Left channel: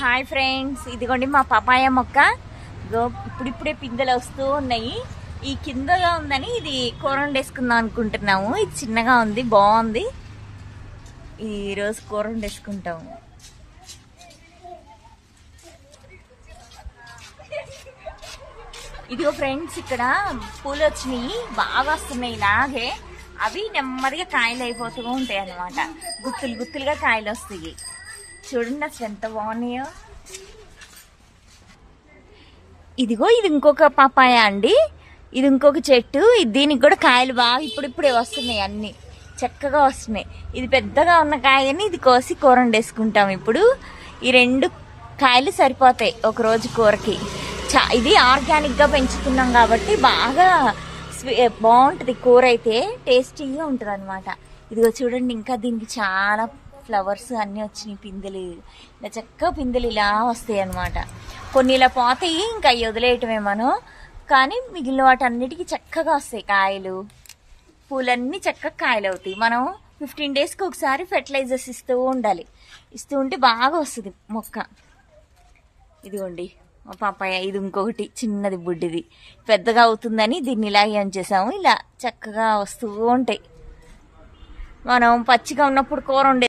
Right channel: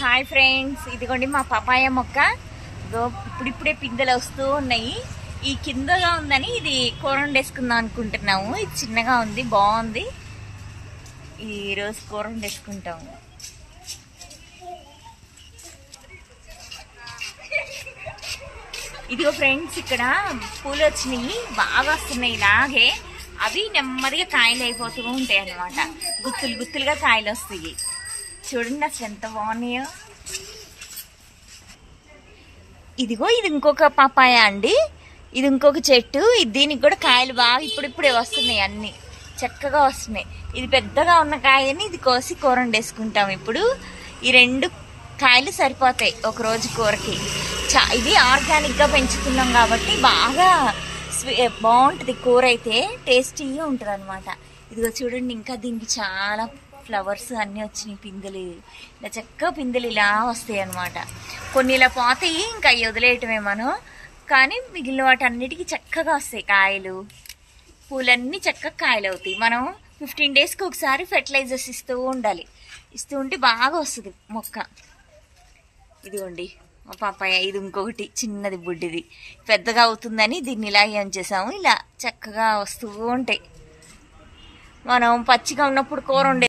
Hi friends, ఇదిగోండి మా papaya మొక్క. ఇప్పుడిప్పుడే పిందెలు వస్తూ ఉన్నాయి. ఈ కిందగా ఉందని ఇది కూర వండేసుకుందాం అనుకుంటున్నాము. ఇది చిన్నగా ఉంది, బాగుంది. ఈ రోజు కూర వండేసుకుంటాము. ఇదిగో ఫ్రెండ్స్, ఇక్కడ పూలు వచ్చినాయి, బాగా వస్తున్నాయి. ఇలాగే అవి నెమ్మదిగా కాయలు అయిపోతూ ఉంటాయి అన్నమాట. గుత్తులు గుత్తులుగా కాయలు వస్తాయి. చూడండి అసలు ఎంత బాగున్నాయో. ఇదిగో ఇది ఇంకొక పపాయ అండి. ఇది ఇంకొక చెట్టు. దీనికి కూడా కాయలు బాగా ఇప్పుడిప్పుడే వస్తున్నాయి, అన్ని చక్కగా వస్తున్నాయి. ఇది పెద్దగా ఉన్న కాయని ఇది కోసి కూర వండేసుకుంటాం. ఇప్పుడు ఈ 2 కాయలు సరిపోతాయి ఒక రోజు కూరకి. ఇది ఆర్గానిక్ గా పెంచుతున్నాం కాబట్టి బాగా బాగుంటది కూర, అయితే టేస్టీగా ఉంటది అనమాట. ఇదిగో చూడండి, ఇంకా దీనికి చాలా ఫ్లవర్స్ అన్ని వచ్చినాయి, పిందెలు. ఇలా చక్కగా పిందెలు ఇలా వస్తాయి అనమాట. కొన్ని ఇలా పోతాయి, ఇంకా అవి వదిలేయటమే మనం. కానీ మిగిలిన వాటన్నిటికీ చక్కగా వస్తాయి కాయలు. పూలన్నీ చక్కగా కాయలు అవుతాయి. మనం 15 డేస్కి ఒకసారి ఫెర్టిలైజర్స్ ఇస్తూ ఉండాలి. ఇస్తూ ఉంటే బాగా వస్తుంది మొక్క. ఇదిగోండి పాపాయ. ఇది ఇంకొకటి చిన్నది, బుడ్డిది. పెద్దగా అవుతుందని దీన్ని ఇలా ఏం చేసాము, ఇలా చక్కగా వస్తూ ఉంటాయి. మనం పచ్చిగా ఉన్నప్పుడు కూర వండే